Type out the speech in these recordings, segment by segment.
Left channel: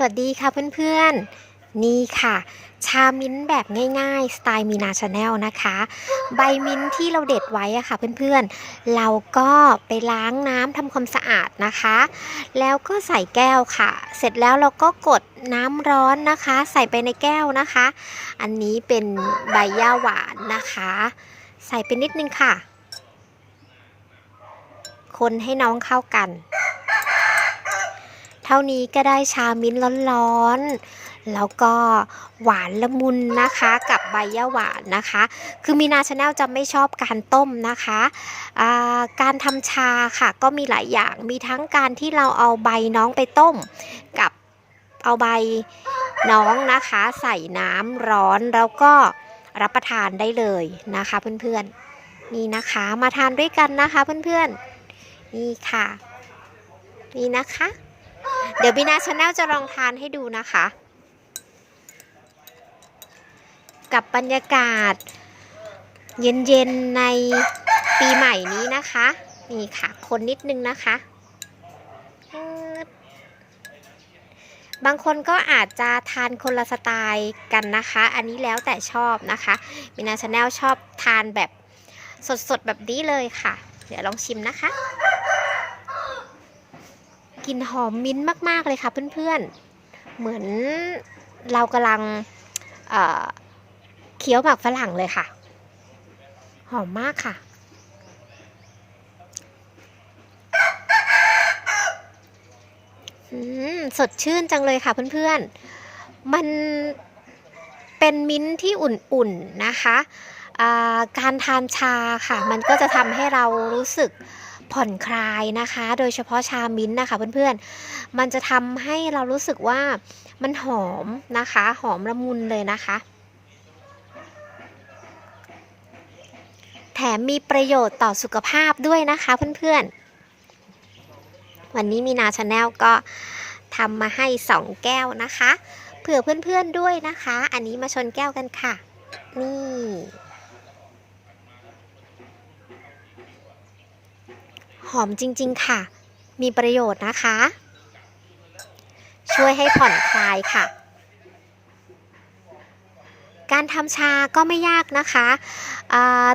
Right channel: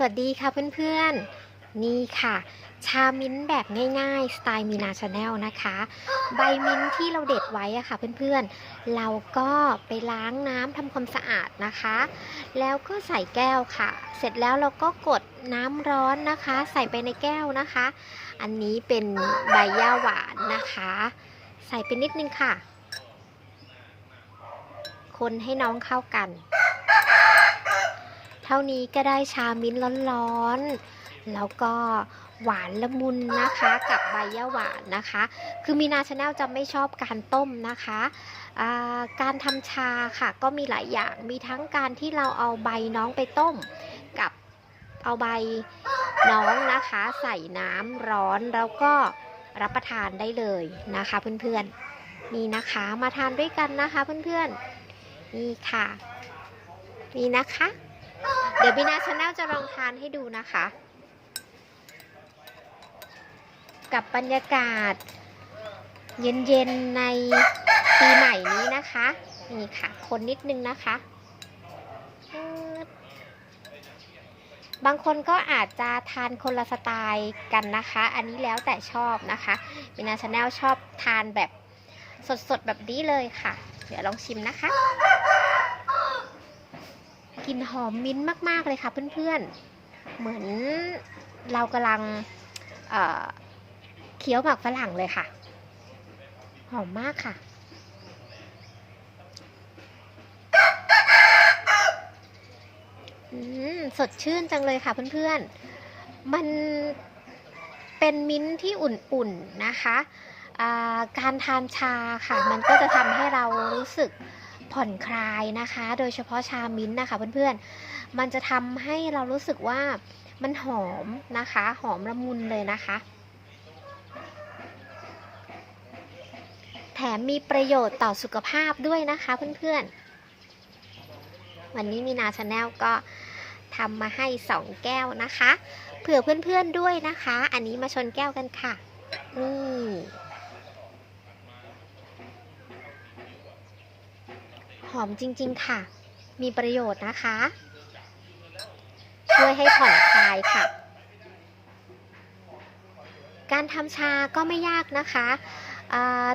สวัสดีค่ะเพื่อนๆ นี่ค่ะ ชามิ้นแบบง่ายๆ สไตล์มีนาชาแนลนะคะ ใบมิ้นท์ที่เราเด็ดไว้อะค่ะเพื่อนๆ เราก็ไปล้างน้ำทำความสะอาดนะคะ แล้วก็ใส่แก้วค่ะ เสร็จแล้วเราก็กดน้ำร้อนนะคะ ใส่ไปในแก้วนะคะ อันนี้เป็นใบย่าหวานนะคะ ใส่ไปนิดนึงค่ะ คนให้น้องเข้ากัน เท่านี้ก็ได้ชามิ้นท์ร้อนๆ แล้วก็หวานละมุนนะคะกับใบย่าหวานนะคะ คือมีนาชาแนลจะไม่ชอบการต้มนะคะการทำชาค่ะก็มีหลายอย่างมีทั้งการที่เราเอาใบน้องไปต้มกับเอาใบน้องนะคะ ใส่น้ำร้อนแล้วก็รับประทานได้เลยนะคะเพื่อนๆนี่นะคะมาทานด้วยกันนะคะเพื่อนๆนี่ค่ะ นี่นะคะ เดี๋ยวบีนาชาแนลจะลองทานให้ดูนะคะ กับบรรยากาศ เย็นๆในปีใหม่นี้นะคะ นี่ค่ะ คนนิดนึงนะคะบางคนก็อาจจะทานคนละสไตล์กันนะคะ อันนี้แล้วแต่ชอบนะคะบีนาชาแนลชอบทานแบบสดๆ แบบนี้เลยค่ะ เดี๋ยวลองชิมนะคะ กลิ่นหอมมิ้นท์มาก ๆ เลยค่ะเพื่อนๆ เหมือนเรากำลังเเคี้ยวหมากฝรั่งเลยค่ะ หอมมากค่ะอืมสดชื่นจังเลยค่ะเพื่อนๆ มันเป็นมิ้นที่อุ่นๆนะคะาการทานชาค่ะ มันก็จะทำให้เรารู้สึก ผ่อนคลายนะคะ โดยเฉพาะชามิ้นนะคะเพื่อนๆ มันจะทำให้เรารู้สึกว่ามันหอมนะคะ หอมละมุนเลยนะคะ แถมมีประโยชน์ต่อสุขภาพด้วยนะคะเพื่อนๆ วันนี้มีนาชาแนลก็ทำมาให้ 2 แก้วนะคะ เผื่อเพื่อนๆด้วยนะคะ อันนี้มาชนแก้วกันค่ะ นี่ หอมจริง ๆ ค่ะ มีประโยชน์นะคะ ช่วยให้ผ่อนคลายค่ะ การทำชาก็ไม่ยากนะคะ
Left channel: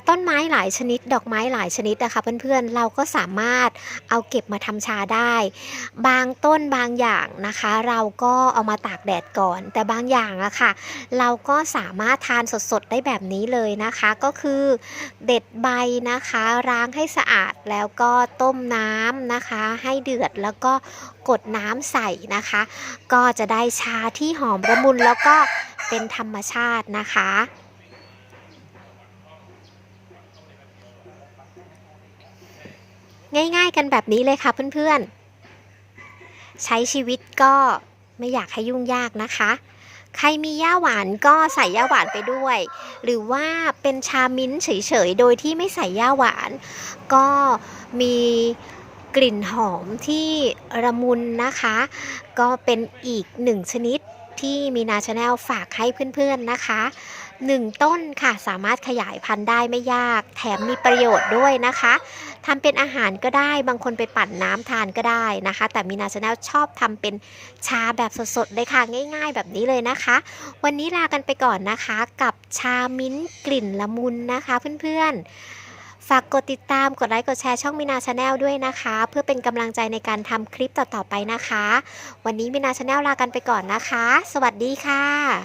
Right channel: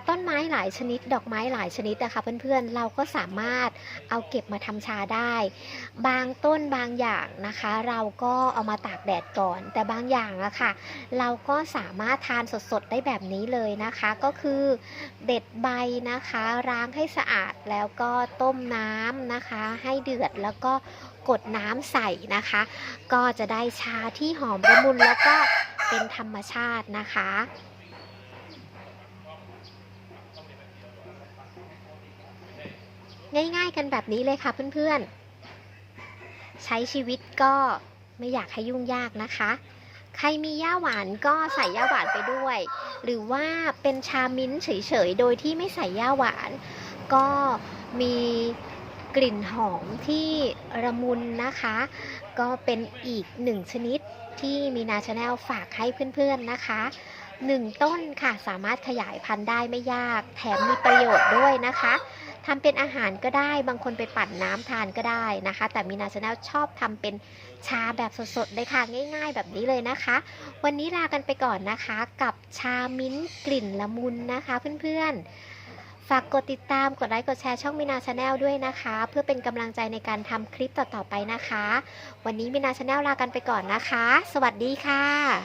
ต้นไม้หลายชนิด ดอกไม้หลายชนิดนะคะเพื่อนๆ เราก็สามารถเอาเก็บมาทำชาได้ บางต้นบางอย่างนะคะ เราก็เอามาตากแดดก่อน แต่บางอย่างอะค่ะ เราก็สามารถทานสดๆ ได้แบบนี้เลยนะคะ ก็คือเด็ดใบนะคะล้างให้สะอาดแล้วก็ต้มน้ำนะคะ ให้เดือดแล้วก็กดน้ำใส่นะคะ ก็จะได้ชาที่หอมละมุนแล้วก็ เป็นธรรมชาตินะคะ ง่ายๆกันแบบนี้เลยค่ะเพื่อนๆ ใช้ชีวิตก็ไม่อยากให้ยุ่งยากนะคะ ใครมีย่าหวานก็ใส่ย่าหวานไปด้วย หรือว่าเป็นชามิ้นเฉยๆ โดยที่ไม่ใส่ย่าหวาน ก็มีกลิ่นหอมที่ระมุนนะคะ ก็เป็นอีกหนึ่งชนิด ที่มีนาชาแนลฝากให้เพื่อนๆนะคะหนึ่งต้นค่ะสามารถขยายพันธุ์ได้ไม่ยาก แถมมีประโยชน์ด้วยนะคะทำเป็นอาหารก็ได้บางคนไปปั่นน้ำทานก็ได้นะคะ แต่มีนาชาแนลชอบทำเป็นชาแบบสดๆเลยค่ะง่าย ๆ แบบนี้เลยนะคะ วันนี้ลากันไปก่อนนะคะ กับชามิ้นกลิ่นละมุนนะคะเพื่อนๆ ฝากกดติดตาม กดไลค์ กดแชร์ช่องมินาชาแนลด้วยนะคะ เพื่อเป็นกำลังใจในการทำคลิปต่อๆไปนะคะ วันนี้มินาชาแนลลากันไปก่อนนะคะ สวัสดีค่ะ